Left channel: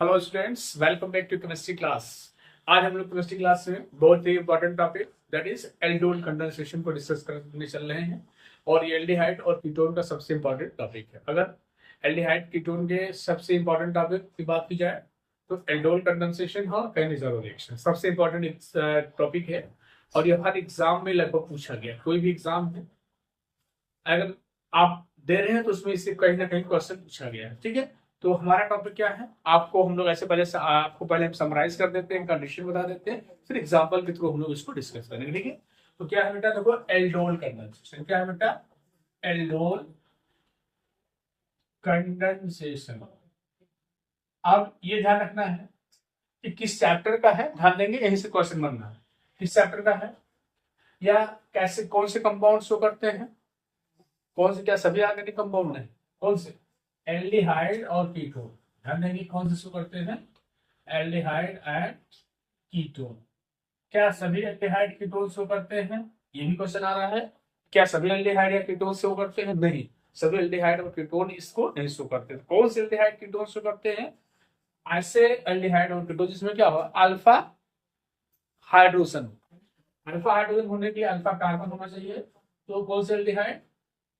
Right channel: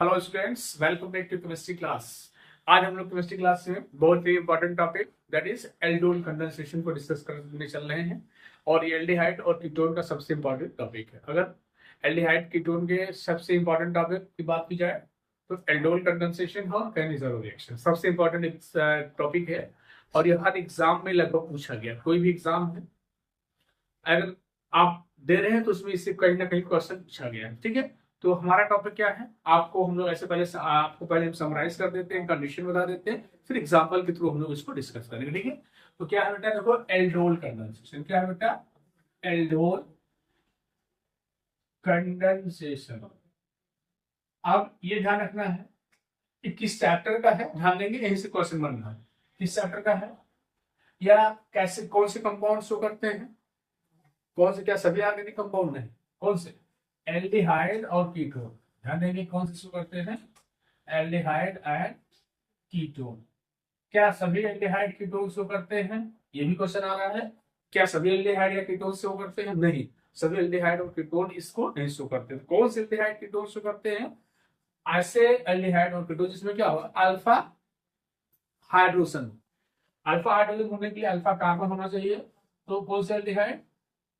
Hello students, welcome back to chemistry class. आज हम लोग केमिस्ट्री क्लास में बहुत ही important topic that is aldol condensation को डिस्कस करने चल रहे हैं। और ये एल्डिहाइड और कीटोन का सबसे इंपॉर्टेंट टॉपिक है। अगर एल्डिहाइड कीटोन के सबसे इंपॉर्टेंट टॉपिक की बात की जाए तो एल्डोल कंडेंसेशन और कैनिज़ारो रिएक्शन सबसे इंपॉर्टेंट टॉपिक है। और ये हर एग्जाम में लगभग पूछा गया, कोई भी एग्जाम है अगर आप दे रहे हैं तो उसमें इससे कहीं ना कहीं क्वेश्चन पूछा गया है। ठीक है, तो हमारा टॉपिक क्या है, आपको हम लोग ऐसे आपको पहले हम समराइज कर देते हैं, कंडीशन बता देते हैं, फिर एग्जाम्पल के थ्रू हम लोग इसको डिस्कस करेंगे। ठीक है, तो क्या है बेटा, देखो एल्डोल कंडेंसेशन क्या है बेटा, एल्डोल कंडेंसेशन। अब ये ध्यान रखना है कि किस चैप्टर का है, ध्यान देंगे यहीं से क्वेश्चन बनना है। किस चैप्टर का है या कैसे, कौन से कंपाउंड शो करते हैं, कौन से, क्या सभी ऑर्गेनिक कंपाउंड नहीं, कौन से, एल्डिहाइड और कीटोन। ध्यान देंगे कौन से शो करते हैं, एल्डिहाइड एंड कीटोन। क्या सभी एल्डिहाइड कीटोन शो करते हैं, ये भी क्वेश्चन आ रहा है। क्या सभी एल्डिहाइड या कीटोन शो करते हैं, नहीं, सभी एल्डिहाइड और कीटोन इसको नहीं शो करते। तो कौन से एल्डिहाइड कीटोन शो करते हैं, ऐसे एल्डिहाइड और कीटोन जिसमें क्या होगा, अल्फा हाइड्रोजन। अल्फा हाइड्रोजन होने के लिए अल्फा कार्बन होना चाहिए। तो कौन से aldehyde,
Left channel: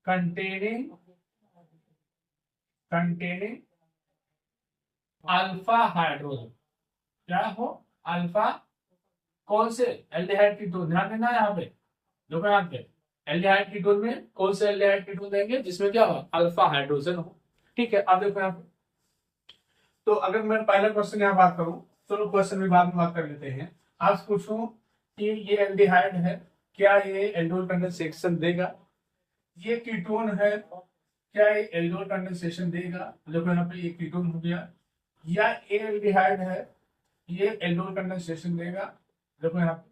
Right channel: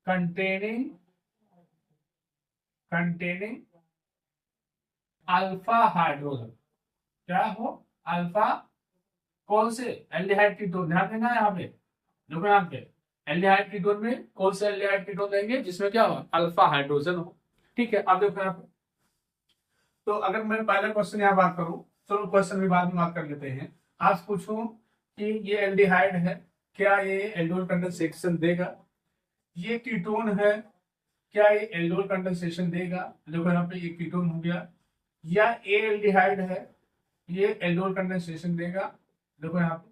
containing containing alpha hydrogen, क्या हो, अल्फा, कौन से एल्डिहाइड कीटोन, ध्यान देना है यहाँ पे, देखो यहाँ पे एल्डिहाइड कीटोन में कौन से एल्डिहाइड कीटोन देंगे जिसमें क्या हो, अल्फा हाइड्रोजन हो। ठीक है, अब देखो यहाँ पे, तो अगर मैं पहला क्वेश्चन यहाँ बात करूं, चलो क्वेश्चन भी बाद में बात कर लेते हैं। आप पूछूं कि ये एल्डिहाइड है, क्या ये एल्डोल कंडेंसेशन देगा, ये कीटोन है, क्या ये एल्डोल कंडेंसेशन देगा, देखो यहाँ पे ये कीटोन हो गया, या ए एल्डिहाइड है, ये एल्डोल कंडेंसेशन देगा, देखो यहाँ पे।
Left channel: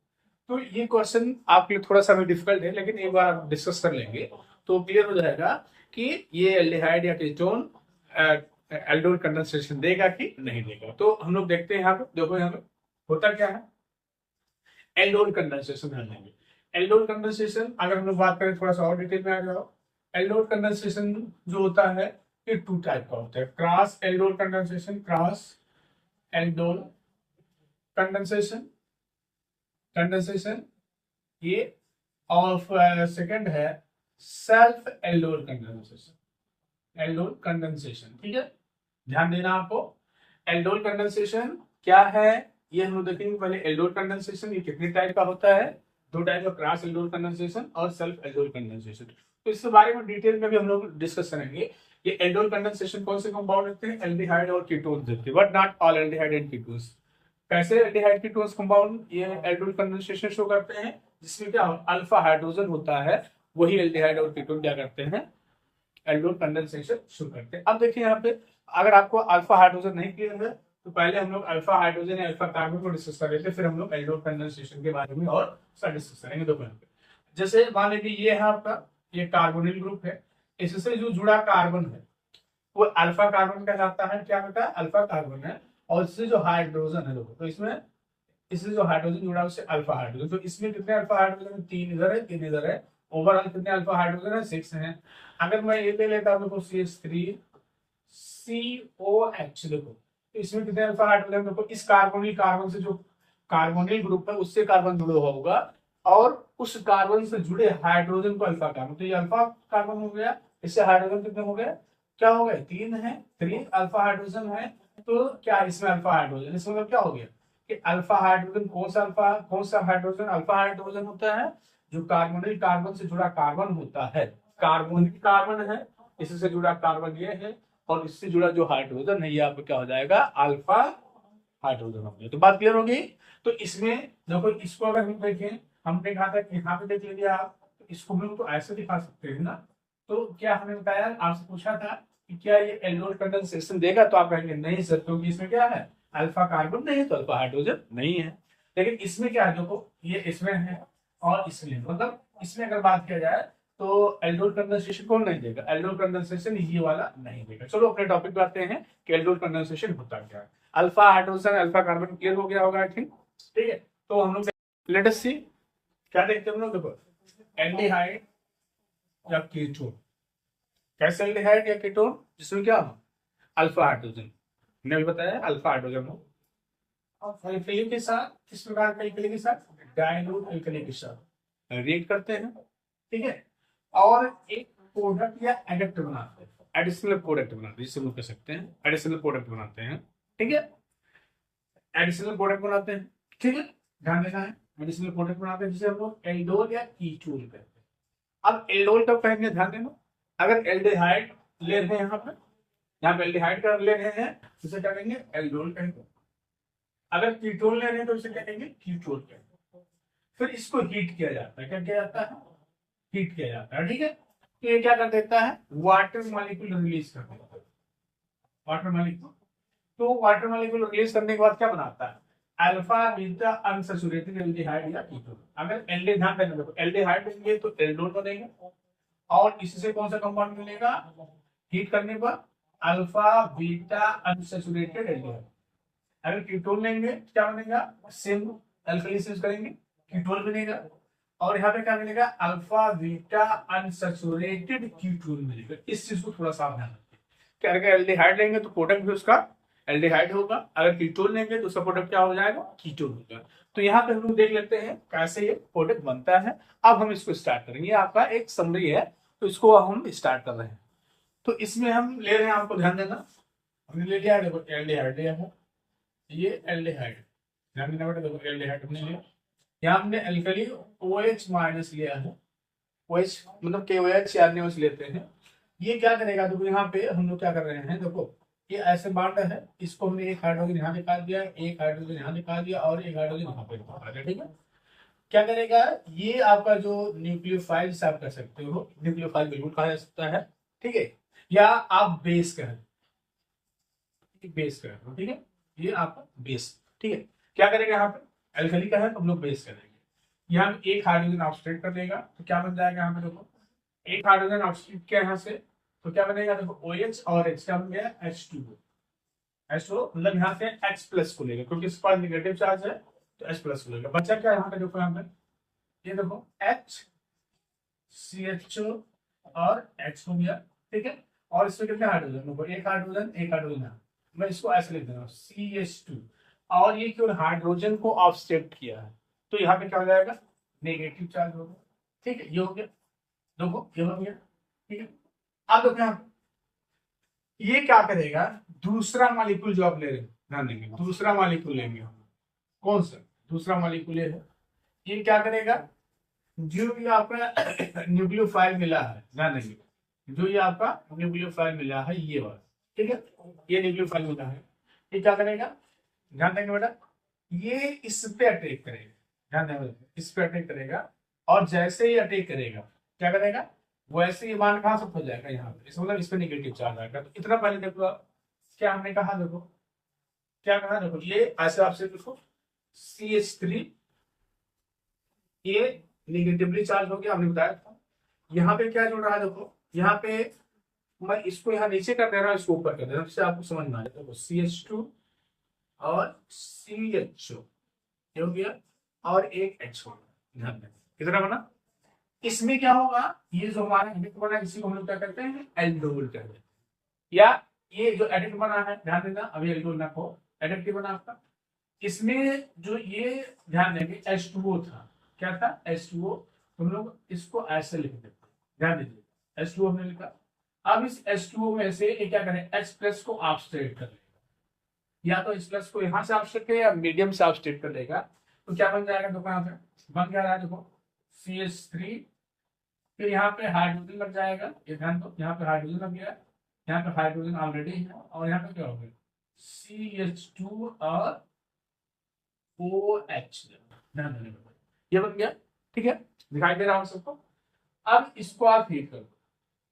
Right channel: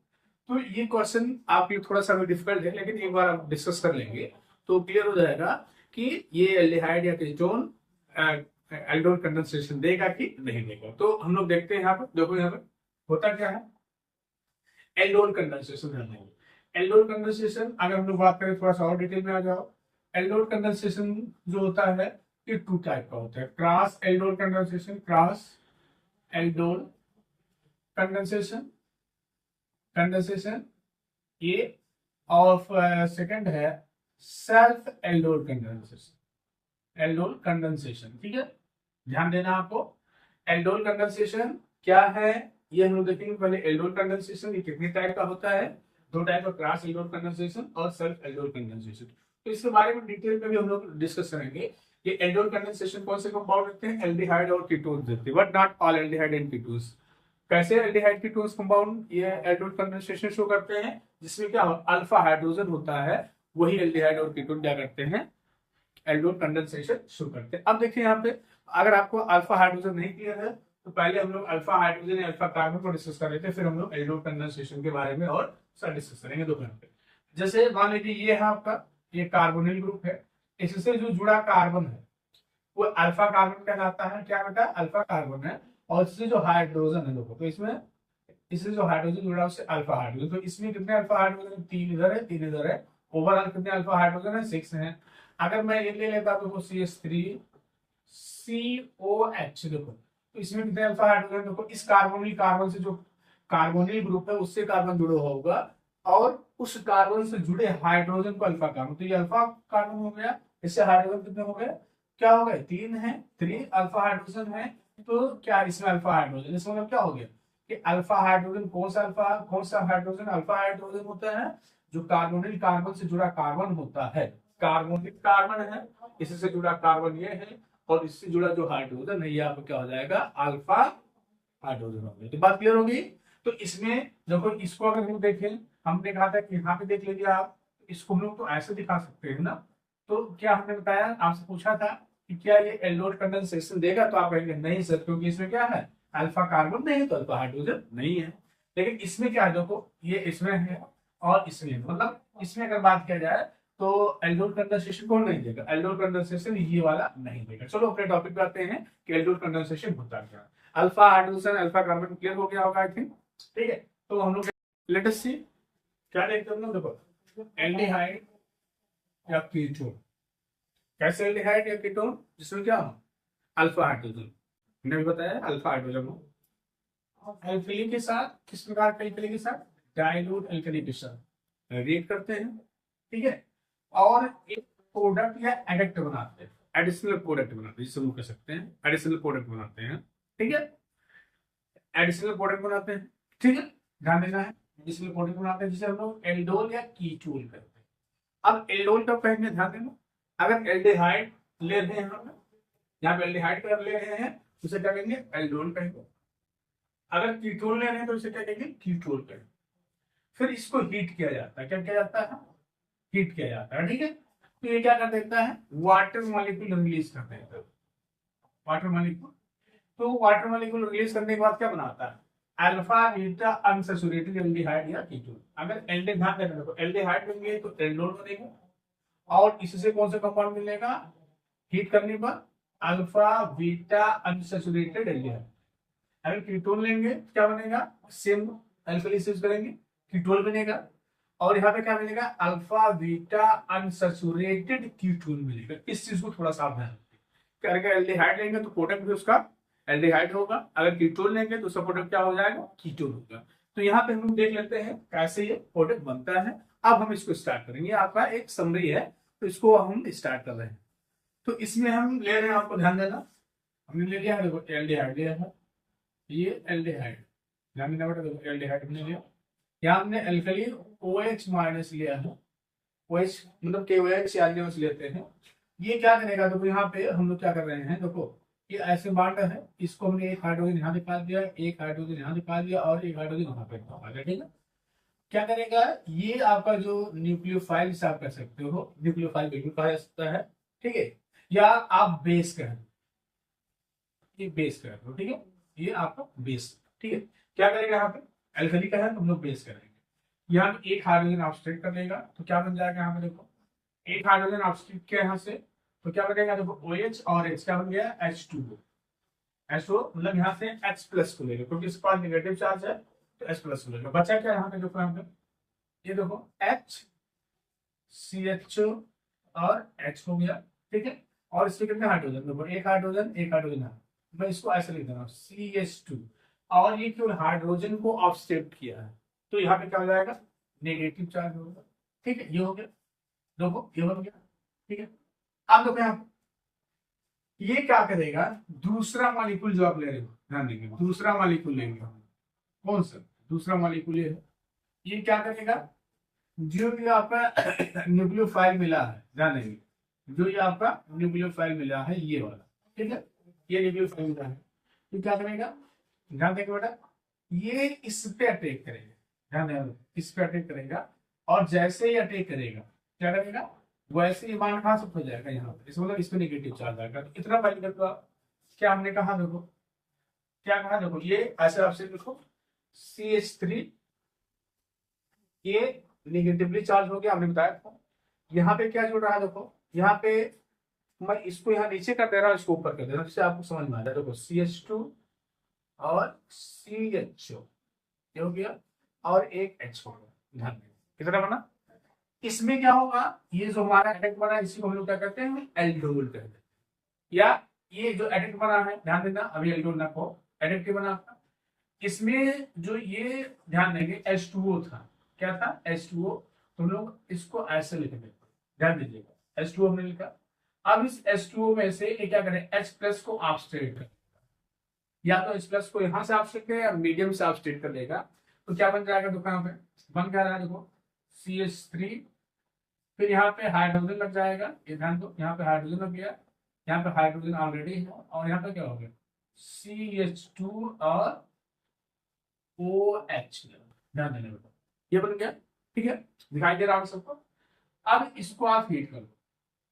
तो ये क्वेश्चन आपके लिए थोड़ा सा भी डिफिकल्ट है, लेकिन एक बार आप डिस्कस कर लेंगे तो क्लियर हो जाएगा कि ये एल्डिहाइड या कीटोन एल्डोल कंडेंसेशन देगा कि नहीं देगा। तो हम लोग देखते हैं यहाँ पे, देखो यहाँ पे होता क्या है, एल्डोल कंडेंसेशन ध्यान देंगे। एल्डोल कंडेंसेशन अगर हम लोग बात करें, थोड़ा सा और डिटेल में आ जाओ। एल्डोल कंडेंसेशन जो होता है ये टू टाइप का होता है, cross aldol condensation, cross aldol condensation condensation ये, और सेकंड है self aldol condensation, aldol condensation. ठीक है, ध्यान देना आपको। एल्डोल कंडेंसेशन क्या है ये हम लोग देखेंगे पहले। एल्डोल कंडेंसेशन ये कितने टाइप का होता है, दो टाइप का, क्रॉस एल्डोल कंडेंसेशन और सेल्फ एल्डोल कंडेंसेशन। तो इसके बारे में डिटेल में भी हम लोग डिस्कस करेंगे। ये एल्डोल कंडेंसेशन कौन से कंपाउंड रखते हैं, एल्डिहाइड और कीटोन्स रखते हैं, but not all aldehyde and ketones. कैसे एल्डिहाइड कीटोन्स कंपाउंड ये एल्डोल कंडेंसेशन शो करते हैं, जिसमें क्या अल्फा हाइड्रोजन होता है, वही एल्डिहाइड और कीटोन क्या करते हैं, एल्डोल कंडेंसेशन शो करते हैं। अब देखिए यहाँ पे, अगर आपको अल्फा हाइड्रोजन नहीं क्लियर है तो पहले हम लोग अल्फा हाइड्रोजन या अल्फा कार्बन को डिस्कस कर लेते हैं, फिर हम लोग एल्डोल कंडेंसेशन के बारे में और सारा डिस्कस करेंगे। दो पे जैसे मान लीजिए ये है आपका, ये कार्बोनिल ग्रुप है, इससे जो जुड़ा कार्बन है वो अल्फा कार्बन कहलाता है। क्या बेटा, अल्फा कार्बन है। और इससे जो हाइड्रोजन है, देखो तो इसमें, इससे जो हाइड्रोजन जुड़ा है उससे अल्फा हाइड्रोजन। तो इसमें कितने अल्फा हाइड्रोजन है, तीन इधर है, तीन इधर है, ओवरऑल कितने अल्फा हाइड्रोजन है, 6 है। अगर मैं ये ले लेता हूं देखो CH3 COH, देखो तो इसमें कितने अल्फा हाइड्रोजन, देखो इस कार्बोनिल कार्बन से जो कार्बोनिल ग्रुप है उससे कार्बन जुड़ा हुआ होगा, और उस कार्बन से जुड़े हाइड्रोजन को अल्फा कार्बन, तो ये अल्फा कार्बन हो गया। इससे हाइड्रोजन कितने हो गए, क्या हो गए, तीन है, 3 अल्फा हाइड्रोजन है। तो क्या इसमें अल्फा हाइड्रोजन, इसमें मतलब क्या हो गया कि अल्फा हाइड्रोजन, कौन सा अल्फा, कौन सा हाइड्रोजन, अल्फा हाइड्रोजन होता है जो कार्बोनिल कार्बन से जुड़ा कार्बन होता है, कार्बोनिल कार्बन है, इससे जुड़ा कार्बन ये है, और इससे जुड़ा जो हाइड्रोजन है ये आपका क्या हो जाएगा, अल्फा हाइड्रोजन हो गया। तो बात क्लियर होगी। तो इसमें देखो, इसको अगर हम देखें, हमने कहा था कि यहाँ पे देख लीजिए आप, तो इसको हम लोग तो ऐसे दिखा सकते हैं ना। तो क्या हमने बताया, आपसे पूछा था कि क्या ये एल्डोल कंडेंसेशन देगा, तो आप कहेंगे नहीं सर, क्योंकि इसमें क्या है, अल्फा कार्बन नहीं है तो अल्फा हाइड्रोजन नहीं है। लेकिन इसमें क्या है, देखो ये इसमें है और इसमें है। मतलब इसमें अगर बात किया जाए तो एल्डोल कंडेंसेशन कौन नहीं देगा, एल्डोल कंडेंसेशन ये वाला नहीं देगा। चलो अपने टॉपिक पे आते हैं कि एल्डोल कंडेंसेशन होता क्या है। Alpha hydrogen alpha carbon clear हो गया होगा आई थिंक। ठीक है, तो हम लोग लेट अस सी क्या देखते हैं हम लोग, देखो एल्डिहाइड या कीटोन, कैसे एल्डिहाइड या कीटोन जिसमें क्या हो, अल्फा हाइड्रोजन। हमने अभी बताया अल्फा हाइड्रोजन हो। और एल्कली के साथ किस प्रकार के एल्कली के साथ, डाइल्यूट एल्कली के साथ रिएक्ट करते हैं, ठीक है। और एक प्रोडक्ट या एडक्ट बनाते हैं, एडिशनल प्रोडक्ट बनाते हैं, जिसे हम लोग कह सकते हैं एडिशनल प्रोडक्ट बनाते हैं, ठीक है। एडिशनल प्रोडक्ट बनाते हैं, ठीक है, ध्यान देना है। एडिशनल प्रोडक्ट बनाते हैं जिसे हम लोग एल्डोल या कीटोन कहते हैं। अब एल्डोल कब कहेंगे, ध्यान देना। अगर एल्डिहाइड ले रहे हैं यहाँ पे एल्डिहाइड का ले रहे हैं तो उसे क्या कहेंगे, एल्डोल कहेंगे। अगर कीटोन ले रहे हैं तो इसे क्या कहेंगे, कीटोन कहेंगे। फिर इसको हीट किया जाता है, क्या किया जाता है, हीट किया जाता है, ठीक है। तो ये क्या कर देता है, वाटर मॉलिक्यूल रिलीज कर देता है, वाटर मॉलिक्यूल। तो वाटर मॉलिक्यूल रिलीज करने के बाद क्या बनाता है, अल्फा बीटा अनसैचुरेटेड एल्डिहाइड या कीटोन। अगर ध्यान देना, देखो एल्डिहाइड लेंगे तो एल्डोल बनेगा, और इससे कौन सा कंपाउंड मिलेगा, हीट करने पर अल्फा बीटा अनसैचुरेटेड एल्डिहाइड। अगर कीटोन लेंगे क्या बनेगा, सेम अल्कली यूज करेंगे, कीटोन बनेगा, और यहाँ पे क्या मिलेगा, अल्फा बीटा अनसैचुरेटेड कीटोन मिलेगा। इस चीज को थोड़ा सावधान रखिए कि अगर एल्डिहाइड लेंगे तो प्रोडक्ट भी उसका एल्डिहाइड होगा, अगर कीटोन लेंगे तो उसका प्रोडक्ट क्या हो जाएगा, कीटोन होगा। तो यहाँ पे हम लोग देख लेते हैं कैसे ये प्रोडक्ट बनता है। अब हम इसको स्टार्ट करेंगे, आपका एक समरी है तो इसको हम स्टार्ट कर रहे हैं। तो इसमें हम ले रहे हैं, आपको ध्यान देना, हमने ले लिया, देखो एल्डिहाइड लिया है, ये एल्डिहाइड, ध्यान देना बेटा, देखो एल्डिहाइड हमने लिया, यहाँ हमने एल्कली OH माइनस लिया है, OH मतलब KOH या NaOH लेते हैं। ये क्या करेगा, देखो यहाँ पे हम लोग क्या कर रहे हैं, देखो ये ऐसे बांटा है, इसको हमने एक हाइड्रोजन यहाँ निकाल दिया, एक हाइड्रोजन यहाँ निकाल दिया, और एक हाइड्रोजन यहाँ पे निकाल दिया, ठीक है। क्या करेगा, ये आपका जो न्यूक्लियोफाइल आप कह सकते हो, न्यूक्लियोफाइल बिल्कुल कहा जा सकता है, ठीक है, या आप बेस कहें, ये बेस कह दो, ठीक है, ये आपका बेस, ठीक है। क्या करेगा, यहाँ पे एल्कली का है तो हम लोग बेस करेंगे, यहाँ पे एक हाइड्रोजन ऑक्सीडेट कर देगा तो क्या बन जाएगा, यहाँ पे देखो एक हाइड्रोजन ऑक्सीडेट किया यहाँ से तो क्या बनेगा, देखो OH और H क्या बन गया, H2O। H2O मतलब यहाँ से H प्लस को लेगा, क्योंकि इसके पास निगेटिव चार्ज है तो H प्लस को लेगा। बचा क्या यहाँ पे, देखो यहाँ पे ये देखो HCHO और H हो गया, ठीक है। और इसमें कितने हाइड्रोजन, देखो एक हाइड्रोजन एक हाइड्रोजन है, मैं इसको ऐसे लिख देना CH2, और ये केवल हाइड्रोजन को ऑफसेट किया है तो यहाँ पे क्या हो जाएगा, नेगेटिव चार्ज हो गया, ठीक है। ये हो गया, देखो ये बन गया, ठीक है। अब देखो यहाँ ये क्या करेगा, दूसरा मॉलिक्यूल जो आप ले रहे हो, ध्यान देंगे दूसरा मॉलिक्यूल लेंगे हम, कौन सा दूसरा मॉलिक्यूल है, ये क्या करेगा, जो भी आपका न्यूक्लियोफाइल मिला है, ध्यान देंगे जो ये आपका न्यूक्लियोफाइल मिला है ये वाला, ठीक है, ये न्यूक्लियोफाइल मिला है, ये क्या करेगा, ध्यान देंगे बेटा, ये इस पे अटैक करेगा, ध्यान देंगे इस पे अटैक करेगा, और जैसे ही अटैक करेगा क्या करेगा, वैसे ही मान कहां शिफ्ट हो जाएगा, यहाँ पे इसका मतलब इस पे नेगेटिव चार्ज आएगा। तो इतना पहले देखो आप, क्या हमने कहा, देखो क्या कहा, देखो ये ऐसे आपसे देखो CH3, ये निगेटिवली चार्ज हो गया, हमने बताया था। यहाँ पे क्या जुड़ रहा है, देखो यहाँ पे मैं इसको यहाँ नीचे कर दे रहा हूँ, इसको ऊपर कर दे रहा हूँ, जिससे आपको समझ में आ जाए। देखो CH2 और CHO ये हो गया, और एक H हो गया, ध्यान दें कितना बना। इसमें क्या होगा, ये जो हमारा एडक्ट बना है इसी को हम लोग क्या करते हैं, एल्डोल कहते हैं। या ये जो एडक्ट बना है, ध्यान देना अभी एल्डोल ना को, एडक्ट बना आपका, इसमें जो ये ध्यान देंगे H2O था, क्या था H2O, तुम लोग इसको ऐसे लिख देते, ध्यान दीजिएगा H2O हमने लिखा। अब इस H2O में से ये क्या करें, H प्लस को ऑब्स्ट्रेट कर लेगा, या तो H प्लस को यहां से ऑब्स्ट्रेट करेगा या मीडियम से ऑब्स्ट्रेट कर लेगा, तो क्या बन जाएगा, देखो यहाँ पे बन क्या रहा है, देखो CH3, फिर यहाँ पे हाइड्रोजन लग जाएगा, ये ध्यान दो यहाँ पे हाइड्रोजन लग गया, यहाँ पे हाइड्रोजन ऑलरेडी है, और यहाँ पे क्या हो गया CH2 और OH, ध्यान देने में ये बन गया, ठीक है, दिखाई दे रहा है सबको। अब इसको आप हीट करो,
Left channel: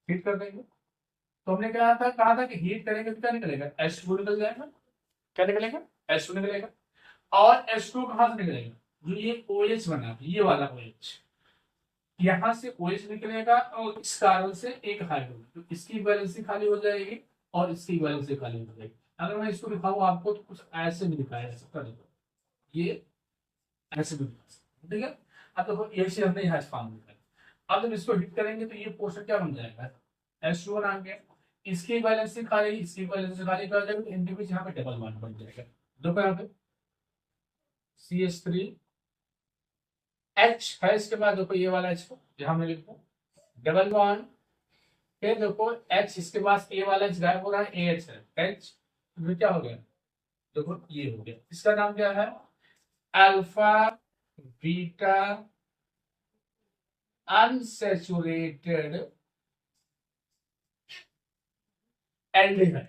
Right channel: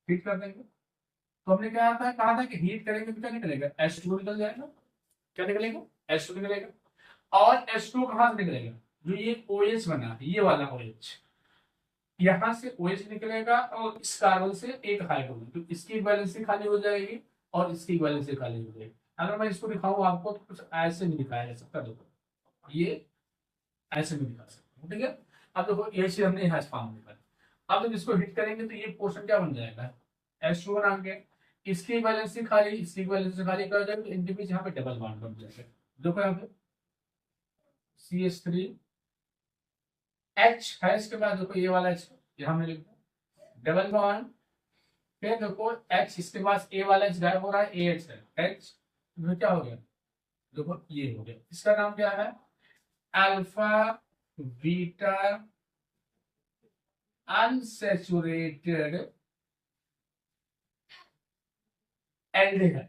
हीट कर देंगे तो हमने क्या था, कहा था कि हीट करेंगे तो क्या निकलेगा, H2 निकल जाएगा, क्या निकलेगा, H2 निकलेगा, और H2 कहां से निकलेगा, जो ये OH बना है ये वाला OH, यहां से OH निकलेगा, और इस कार्बन से एक हाइड्रोजन, तो इसकी वैलेंसी खाली हो जाएगी और इसकी वैलेंसी खाली हो जाएगी। अगर मैं इसको दिखाऊं आपको तो कुछ ऐसे भी दिखाया जा सकता है, देखो ये ऐसे भी दिखा सकता हूं, ठीक है। अब देखो ये चीज हमने यहाँ फॉर्म निकाली, अब जब इसको हिट करेंगे तो ये पोर्शन क्या बन जाएगा, H2 बना के, इसकी वैलेंसी खाली, इसकी वैलेंसी खाली कर जाएगा, इनके बीच यहाँ पे डबल बॉन्ड बन जाएगा। देखो यहाँ पे CH3 H है, इसके बाद देखो ये वाला H यहाँ में लिखो डबल बॉन्ड, फिर देखो H, इसके पास A वाला H गायब हो रहा है, AH है, H में क्या हो गया, देखो ये हो गया। इसका नाम क्या है, अल्फा बीटा अनसैचुरेटेड एल्डिहाइड।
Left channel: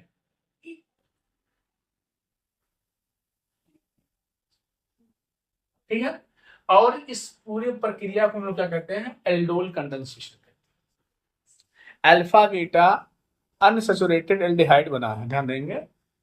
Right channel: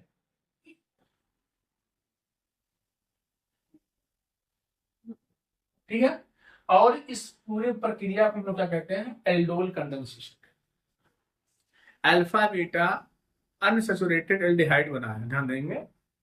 ठीक है, और इस पूरी प्रक्रिया को हम लोग क्या कहते हैं, aldol condensation. Alpha beta unsaturated aldehyde बना है, ध्यान देंगे,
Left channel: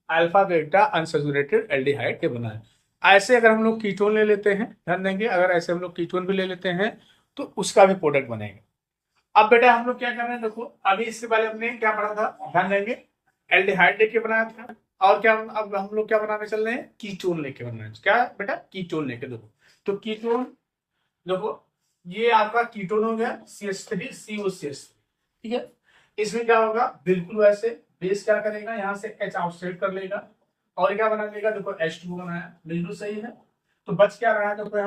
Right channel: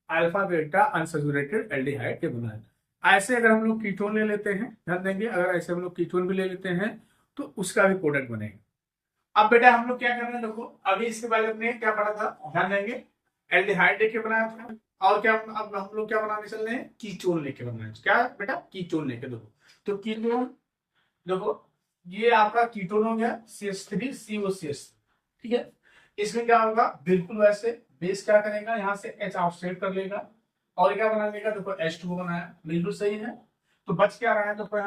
अल्फा बीटा अनसैचुरेटेड एल्डिहाइड के बना है। ऐसे अगर हम लोग कीटोन ले लेते हैं, ध्यान देंगे, अगर ऐसे हम लोग कीटोन भी ले लेते हैं तो उसका भी प्रोडक्ट बनेगा। अब बेटा हम लोग क्या कर रहे हैं, देखो अभी इसके बारे में हमने क्या पढ़ा था, ध्यान देंगे, एल्डिहाइड लेके बनाया था, और क्या अब हम लोग क्या बनाने चल रहे हैं, कीटोन लेके बना रहे हैं। क्या बेटा, कीटोन लेके। देखो तो कीटोन, देखो ये आपका कीटोन हो गया CH3COCH3, ठीक है। इसमें क्या होगा, बिल्कुल वैसे बेस क्या करेगा, यहाँ से H ऑफसेट कर लेगा और क्या बना लेगा, देखो H2 बनाया, बिल्कुल सही है। तो बच क्या रहा है, देखो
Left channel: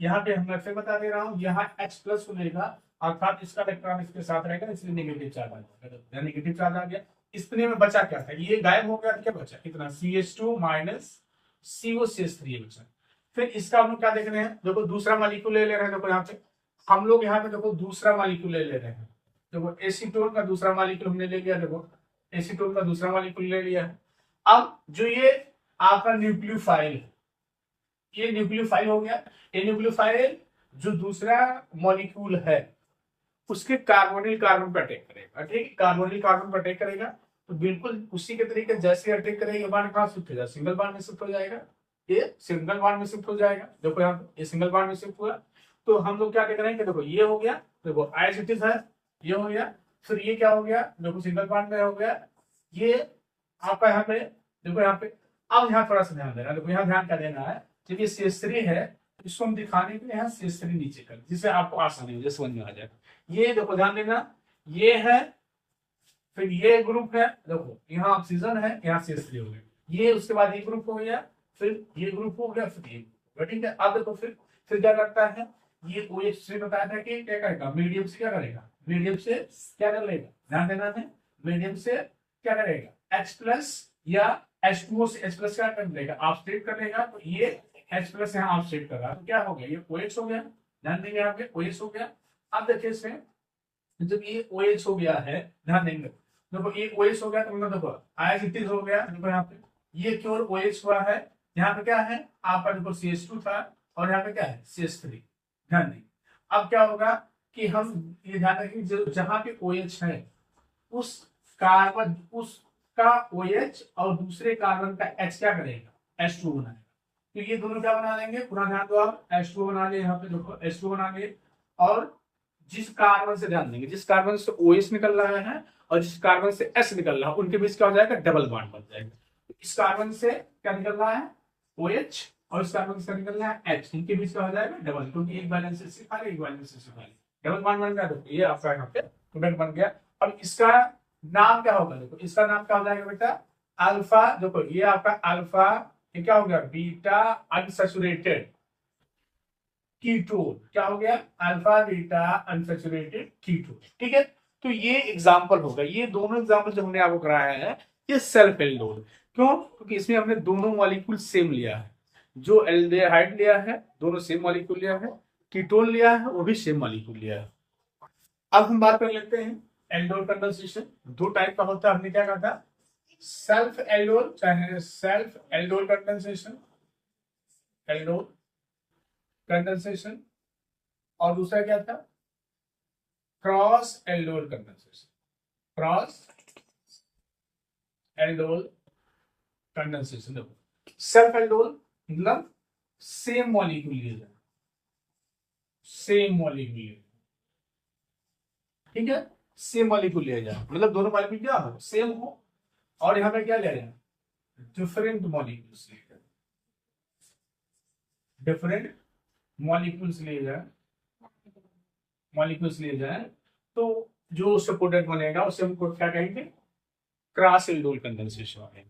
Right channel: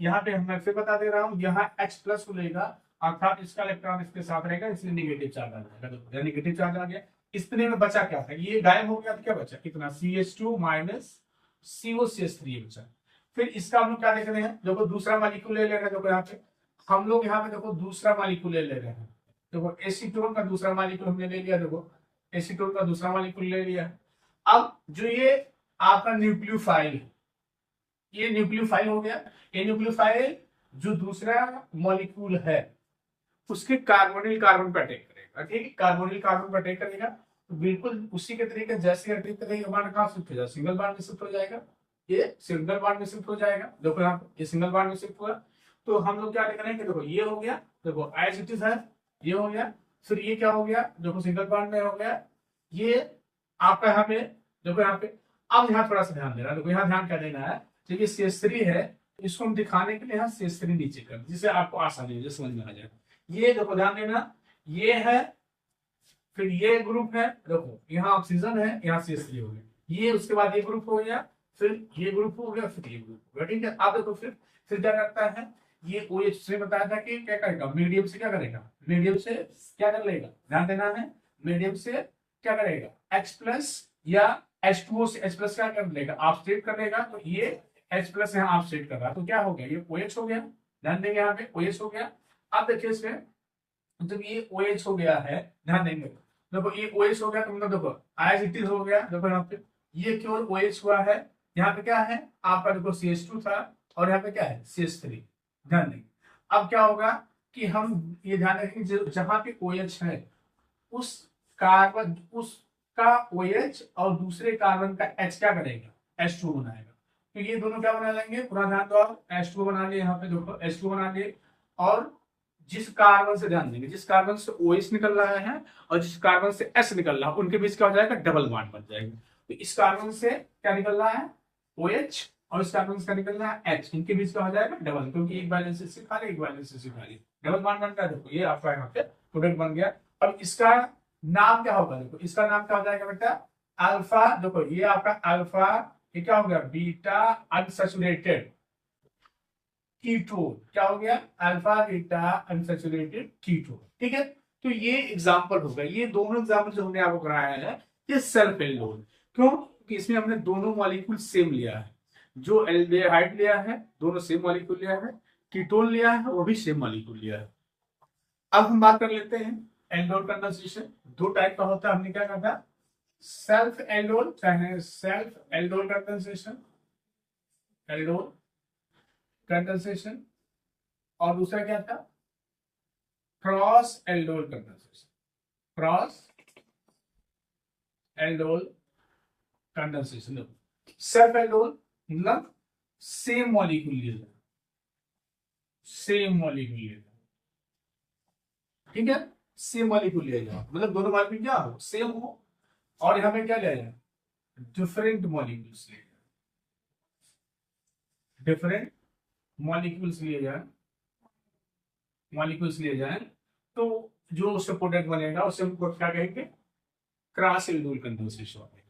यहाँ पे मैं फिर बता दे रहा हूँ, यहाँ H प्लस लेगा, अर्थात इसका इलेक्ट्रॉन इसके साथ रहेगा, इसलिए नेगेटिव चार्ज आ जाएगा। देखो यहाँ नेगेटिव चार्ज आ गया, इतने में बचा क्या था, ये गायब हो गया तो क्या बचा, कितना, CH2 माइनस COCH3 बचा। फिर इसका हम क्या देख रहे हैं, देखो दूसरा मॉलिक्यूल ले रहे हैं, देखो यहाँ पे हम लोग यहाँ पे देखो दूसरा मॉलिक्यूल ले रहे हैं, देखो एसीटोन का दूसरा मॉलिक्यूल हमने ले लिया, देखो एसीटोन का दूसरा मॉलिक्यूल ले लिया है। अब जो ये आपका न्यूक्लियोफाइल है, ये न्यूक्लियोफाइल हो गया, ये न्यूक्लियोफाइल जो दूसरा मॉलिक्यूल है उसके कार्बोनिल कार्बन पर अटैक करेगा, ठीक है, कार्बोनिल कार्बन पर अटैक करेगा, तो बिल्कुल उसी के तरीके जैसे अटैक करेगा, बांड कहाँ शिफ्ट हो जाएगा, सिंगल बांड में शिफ्ट हो जाएगा, ये सिंगल बांड में शिफ्ट हो जाएगा। देखो यहाँ पे ये सिंगल बांड में शिफ्ट हुआ, तो हम लोग क्या देख रहे हैं कि देखो ये हो गया, देखो एज इट इज है, ये हो गया, फिर ये क्या हो गया, देखो सिंगल बांड में हो गया, ये आपका यहाँ पे, देखो यहाँ पे। अब यहाँ थोड़ा सा ध्यान देना, देखो यहाँ ध्यान क्या देना है, जब ये CH3 है तो इसको हम दिखाने के लिए यहाँ CH3 नीचे कर, जिससे आपको आसानी हो जाए, समझ में आ जाएगा। ये देखो ध्यान देना, ये है, फिर ये ग्रुप है, देखो यहाँ ऑक्सीजन है, यहाँ CH3 हो गया, ये उसके बाद ये ग्रुप हो गया, फिर ये ग्रुप हो गया, फिर ये ग्रुप हो गया, ठीक है। अब देखो फिर क्या करता है, ये OH से बताया था कि क्या करेगा, मीडियम से क्या करेगा, मीडियम से क्या कर लेगा, ध्यान देना है, मीडियम से क्या करेगा, H प्लस या H2O से H प्लस क्या कर लेगा, ऑक्सीडेट कर लेगा, तो ये H प्लस यहाँ ऑक्सीडेट कर रहा, तो क्या हो गया, ये OH हो गया, ध्यान देंगे यहाँ पे OH हो गया। अब देखिए इसमें जब ये OH हो गया है, ध्यान देंगे, देखो ये OH हो गया, तो मतलब देखो एज इट इज हो गया, देखो यहाँ पे ये केवल OH हुआ है, यहाँ पे क्या है आपका, देखो CH2 था और यहाँ पे क्या है CH3, ध्यान देंगे। अब क्या होगा कि हम ये ध्यान रखेंगे, जहां पे OH है उस कार्बन, उसका OH और दूसरे कार्बन का H क्या करेगा, H2 बनाएगा, तो ये दोनों क्या बना लेंगे, पूरा ध्यान दो आप, H2 बना लिए, यहाँ पे देखो H2 बना लिए, और जिस कार्बन से, ध्यान देंगे, जिस कार्बन से OH निकल रहा है और जिस कार्बन से H निकल रहा है उनके बीच क्या हो जाएगा, डबल बॉन्ड बन जाएगा। तो इस कार्बन से क्या निकल रहा है OH और इस कार्बन से क्या निकल रहा है H, इनके बीच क्या हो जाएगा, डबल, क्योंकि एक बैलेंस से खाली, एक बैलेंस से खाली, डबल बॉन्ड बन गया। देखो ये आपका यहाँ पे प्रोडक्ट बन गया, और इसका नाम क्या होगा, देखो इसका नाम क्या हो जाएगा बेटा, अल्फा, देखो ये आपका अल्फा, ये क्या हो गया, बीटा अनसैचुरेटेड कीटोन, क्या हो गया, अल्फा बीटा अनसैचुरेटेड कीटोन, ठीक है। तो ये एग्जांपल होगा, ये दोनों एग्जांपल जो हमने आपको कराया है ये सेल्फ एल्डोल, क्यों, क्योंकि इसमें हमने दोनों मॉलिक्यूल सेम लिया है, जो एल्डिहाइड लिया है दोनों सेम मॉलिक्यूल लिया है, कीटोन लिया है वो भी सेम मॉलिक्यूल लिया है। अब हम बात कर लेते हैं एल्डोल कंडेंसेशन, दो टाइप का होता है, हमने क्या कहा था, सेल्फ एल्डोल, चाहे self aldol condensation, aldol condensation, और दूसरा क्या था, cross aldol condensation, cross aldol condensation. देखो सेल्फ एल्डोल मतलब सेम मॉलिक्यूल लिया जाए, सेम मॉलिक्यूल लिया जाए, ठीक है, सेम मॉलिक्यूल लिया जाए, मतलब दोनों मॉलिक्यूल क्या हो, सेम हो, और यहां पे क्या लिया जाए, डिफरेंट मॉलिक्यूल्स लिए जाए, डिफरेंट मॉलिक्यूल्स लिए जाए, मॉलिक्यूल्स लिए जाए, तो जो उससे प्रोडक्ट बनेगा उसे हम क्या कहेंगे, क्रॉस एल्डोल कंडेंसेशन है।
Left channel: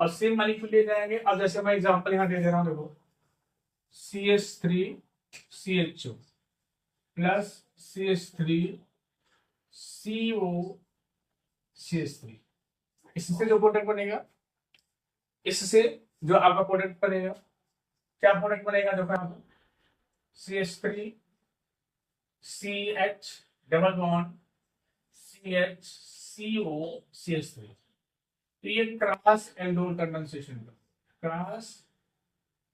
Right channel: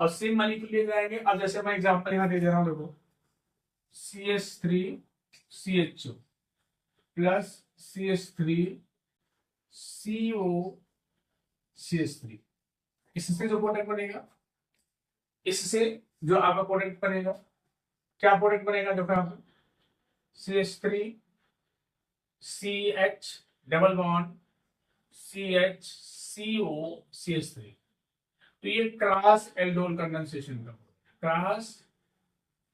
अब सेम मॉलिक्यूल ले जाएंगे। अब जैसे मैं एग्जांपल यहां दे रहा हूं, देखो CH3CHO प्लस CH3COCH3, इससे जो प्रोडक्ट बनेगा, इससे जो आपका प्रोडक्ट बनेगा, क्या प्रोडक्ट बनेगा, देखो यहाँ पे CH3CH डबल बॉन्ड CHCOCH3। तो ये क्रॉस एल्डोल कंडेंसेशन का, क्रॉस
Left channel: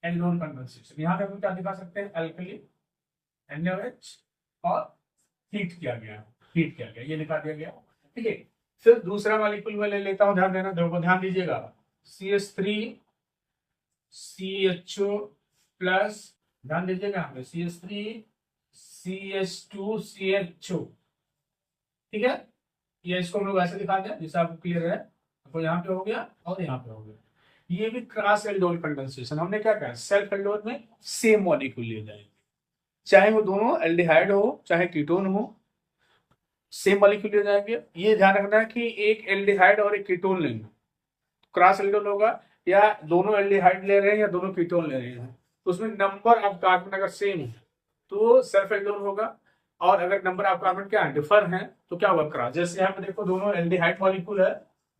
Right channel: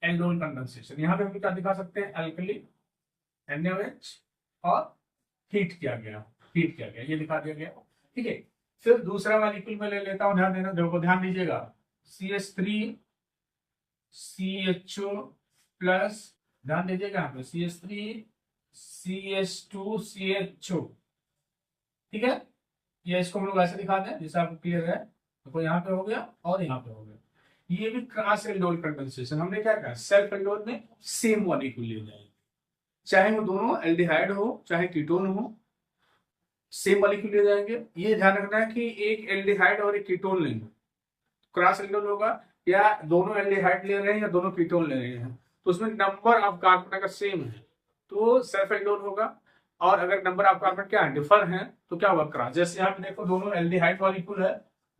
एल्डोल कंडेंसेशन। यहाँ पे हम क्या दिखा सकते हैं, अल्कली NaOH और हीट किया गया, ये दिखा दिया गया। ठीक है, फिर दूसरा मॉलिक्यूल मैं ले लेता हूं, ध्यान देना, देखो ध्यान दीजिएगा, CH3CHO प्लस, ध्यान दीजिएगा यहाँ पे CH3CH2CHO। ठीक है, ये इसको हम लोग ऐसे दिखा दें जिससे आपको क्लियर है। तो यहाँ पे हो गया और यहाँ पे हो गया। ये भी क्रॉस एल्डोल कंडेंसेशन। हमने क्या कहा, सेल्फ एल्डोल में सेम मॉलिक्यूल ले जाएंगे, चाहे वो दोनों एल्डिहाइड हो चाहे कीटोन हो, सेम मॉलिक्यूल ले जाएंगे। ये ध्यान रखना है कि एक एल्डिहाइड और एक कीटोन लेंगे, क्रॉस एल्डोल होगा, या दोनों एल्डिहाइड ले रहे हैं या दोनों कीटोन ले रहे हैं, तो उसमें नंबर ऑफ कार्बन अगर सेम है तो सेल्फ एल्डोल होगा, और अगर नंबर ऑफ कार्बन क्या है, डिफर है, तो क्या होगा, क्रॉस। जैसे यहाँ पे देखो दोनों एल्डिहाइड मॉलिक्यूल है,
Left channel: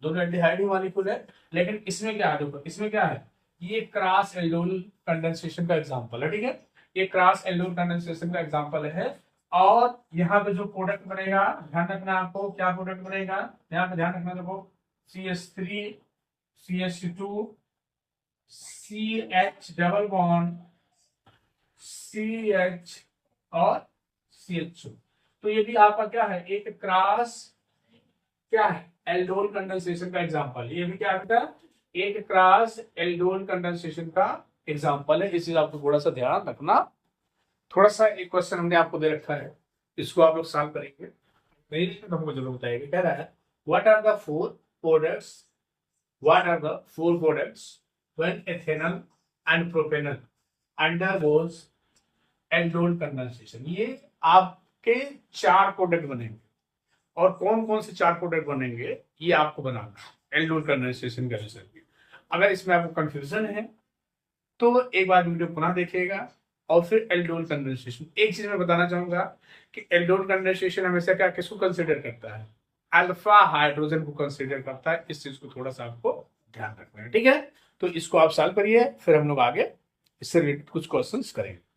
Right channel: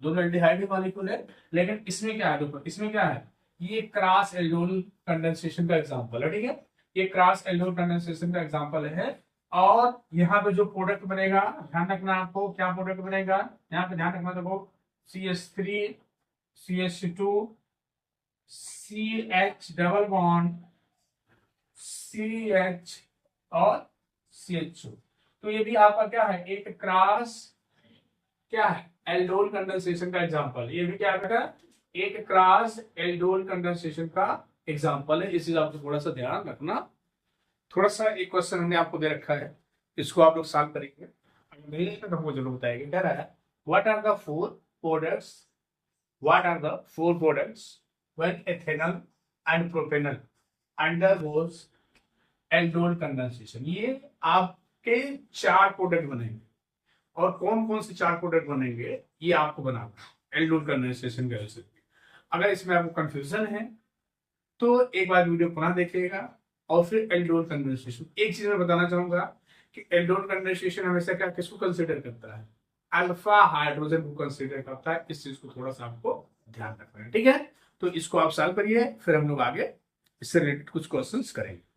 दोनों एल्डिहाइड ही मॉलिक्यूल है, लेकिन इसमें क्या है, देखो इसमें क्या है, ये क्रॉस एल्डोल कंडेंसेशन का एग्जांपल है। ठीक है, ये क्रॉस एल्डोल कंडेंसेशन का एग्जांपल है। और यहाँ पे जो प्रोडक्ट बनेगा, ध्यान रखना आपको, क्या प्रोडक्ट बनेगा, यहाँ पे ध्यान रखना, देखो CH3CH2 CH double bond CH और CHO। तो ये भी आपका क्या है, एक क्रॉस क्या है, एल्डोल कंडेंसेशन का एग्जांपल। ये भी क्या बेटा, एक क्रॉस एल्डोल कंडेंसेशन का एग्जांपल है। इस चीज आपको थोड़ा सा ध्यान रखना। थोड़ा सा एक क्वेश्चन हमने आपको दे रखा है, इसको आप लोग सॉल्व करेंगे, नहीं तो हमको जरूर बताएंगे। कह रहा है what are the four products when ethanol and propanol undergoes aldol condensation. ये आपके 4 प्रोडक्ट बनेंगे, और कौन कौन से 4 प्रोडक्ट बनेंगे ये आपको बनाना है एल्डोल कंडेंसेशन के रिजल्ट। अगर इसमें आपको कंफ्यूजन है तो एक बार वीडियो पुनः देखिएगा, और फिर एल्डोल कंडेंसेशन। एक चीज मैं बताना चाहूंगा कि एल्डोल कंडेंसेशन हमेशा क्या, किसको कंसीडर करता है, अल्फा हाइड्रोजन को कंसीडर करता है। इस चीज को थोड़ा सा आपको ध्यान रखना है। ठीक है, तो इसको आप सॉल्व करिए, फिर हम लोग आगे इससे रिलेटेड कुछ क्वेश्चंस करेंगे।